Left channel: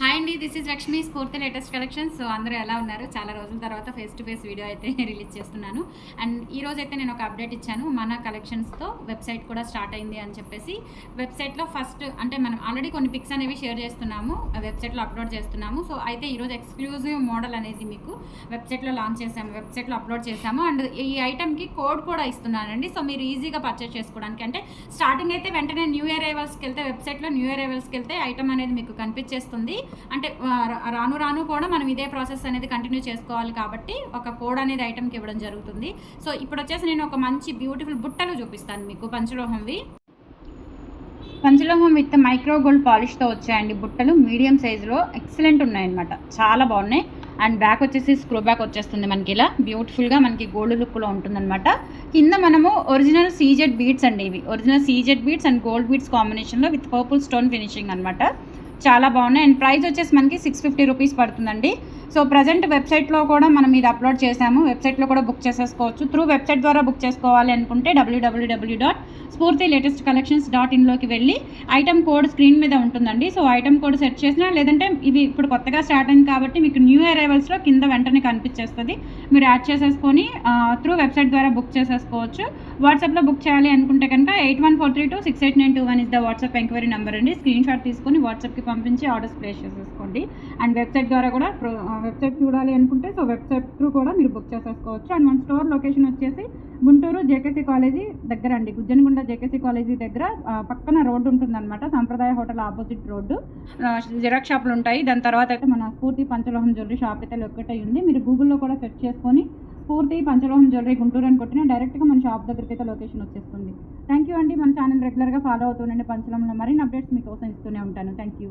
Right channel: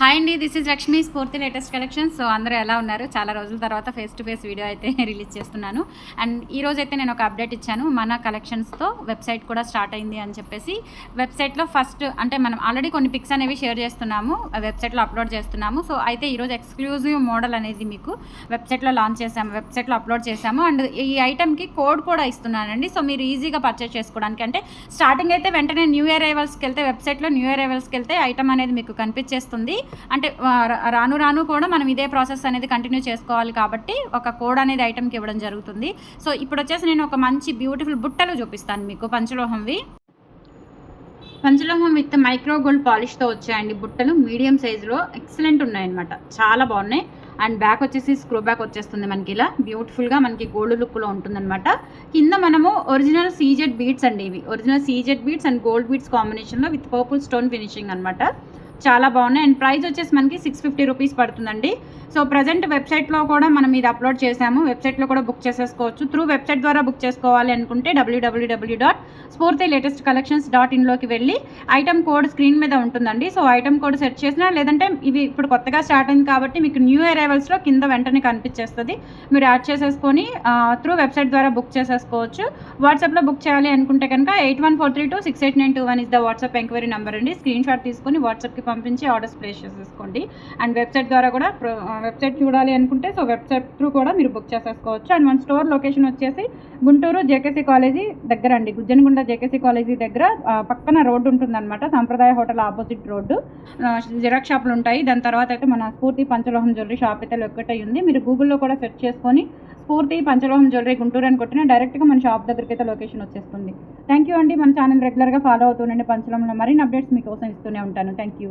Hi అండి. This is Lakshmi స్ఫూర్తి latest collections. So అందరూ ఎలా ఉన్నారు? చాలా రోజుల తర్వాత ఫేస్ టు ఫేస్ వీడియో అయితే రిలీజ్ చేస్తున్నాను. అండ్ ఈ రోజు అయితే నేను ఒక అప్డేట్ ఇచ్చాను. మన కలెక్షన్స్తో వెబ్సైట్ కూడా స్టార్ట్ అయింది అని చెప్పేసి. వెబ్సైట్లో ఫస్ట్ అంటే మనం ఆల్రెడీ కొన్ని పిక్స్ అనేవి షేర్ చేస్తున్నాము, వెబ్సైట్లో అప్లోడ్ చేస్తున్నాము. సో అయితే ఈరోజు ఎక్స్క్లూజివ్ మోడల్ అనేది మీకు వెబ్సైట్లో లాంచ్ చేసాము, వెబ్సైట్లో అప్లోడ్ చేసాము. అండ్ ఈ ఐటెంకి కోడ్ కూడా ఇస్తున్నానండి. సో మీరు ఈజీగా పర్చేస్ చేసుకోవడానికి, అంటే స్టార్టింగ్ అయితే వెంటనే న్యూ ఇయర్ అరైవల్స్కి వెళ్తే, వెబ్సైట్లో న్యూ ఇయర్ అరైవల్స్కి వెళ్తే ఐటమ్ అనేది మీకు కనిపించేస్తుంది. అంటే రాను రాను కూడా మనం ఇదే ప్రాసెస్ అనేది కంటిన్యూ చేసుకోవాలి కాబట్టి ఒక కోడ్ అనేది ఐటమ్కి ఇవ్వడం జరుగుతుంది. సో ఇప్పుడు వచ్చేసి నేను ఒక మంచి బ్యూటిఫుల్ బుట్టలు చూపిస్తాను మీకు. పంచలోహం విత్ మైక్రో గోల్డ్ పాలిష్తో వచ్చాయండి బుట్టలు. మీడియం సైజులో ఎక్సలెంట్ ఉన్నాయన్నమాట, చాలా బాగున్నాయి. అండ్ బ్యాక్ వచ్చేసి స్క్రూ బ్యాక్ వచ్చేస్తుంది మనకి, ఇలా బ్యూటిఫుల్గా మనకి గోల్డ్ లుక్లో ఉంటుందన్నమాట. కింద మనము ఒరిజినల్ సీజెడ్ బీడ్స్ అండి, ఇవి original CZ beads and gold beads కాంబినేషన్లో విత్ పర్పుల్ స్టోన్ ఫినిషింగ్ అనమాట. చాలా బాగున్నాయి. అండ్ ప్రైస్ వచ్చేసి మనకి 650 రూపీస్ పడుతుందండి. సో ప్రజెంట్ వెబ్సైట్లో కూడా మనం ఇది అప్లోడ్ చేసాము, వెబ్సైట్లో కూడా బుక్ చేసేసుకోవచ్చు. త్రూ వెబ్సైట్ ద్వారా బుక్ చేసుకోవాలి అనుకుంటే www.sportylatestcollections.in లోకి వెళ్ళి ఐటమ్ కోడ్ స్క్రీన్ మీద ఉంటుందండి. సో ఐటమ్ కోడ్ సెట్ చేసినా, లేదంటే ఇవి ఇప్పుడు కొత్తగా స్టార్ట్ అయింది కాబట్టి మీకు న్యూ అరైవల్స్లో కింద వెంటనే కనిపించేస్తుంది, మీరు యాడ్ చేసేసుకొని త్రూ వెబ్సైట్ ద్వారా బుక్ చేసేసుకోవచ్చు. వాట్సాప్లో బుక్ చేయాలి అనుకుంటే కనుక 8143268921 is the WhatsApp enquiry number అండి. స్క్రీన్ షాట్ తీసుకొని వాట్సాప్కి పంపించి ఆర్డర్స్ ప్లేస్ చేసేసుకోండి. అండ్ వెబ్సైట్ ద్వారా కూడా వెబ్సైట్ చూడాలి అనుకుంటే సో వెబ్సైట్ త్రూ కూడా మీరు బుక్ చేసేసుకోవచ్చు. అండ్ మన స్టోర్ లొకేషన్ వచ్చేసి గుంటూరు జేకేసీ కాలేజీ దగ్గర అండి, గుజ్జనగుంట జేకేసీ కాలేజీ దగ్గర పక్కన రోడ్డు ఉంటుందన్నమాట. సంప్రదాయ హోటల్ ఆపోజిట్ రోడ్డు, జిరాక్స్ షాపులు ఉంటాయి. దాని తర్వాత అయితే మన స్ఫూర్తి పంచలోహం జ్యువెలరీ షాప్ అయితే లొకేట్ అయ్యి ఉంది. మీరు గూగుల్లో కూడా సెర్చ్ చేసుకొని స్ఫూర్తి పంచలోహం జ్యువెలరీ గుంటూరు అని కొట్టిన డైరెక్ట్గా మన షాప్ దగ్గరికి అయితే లొకేషన్ వచ్చేస్తుంది. థ్యాంక్ యూ అండి. మన ఛానల్ రెగ్యులర్గా ఫాలో అవుతుండండి. పంచలోహంలో మరిన్ని అప్డేట్స్ మీకోసం ఇస్తూనే ఉంటాను. Thank you.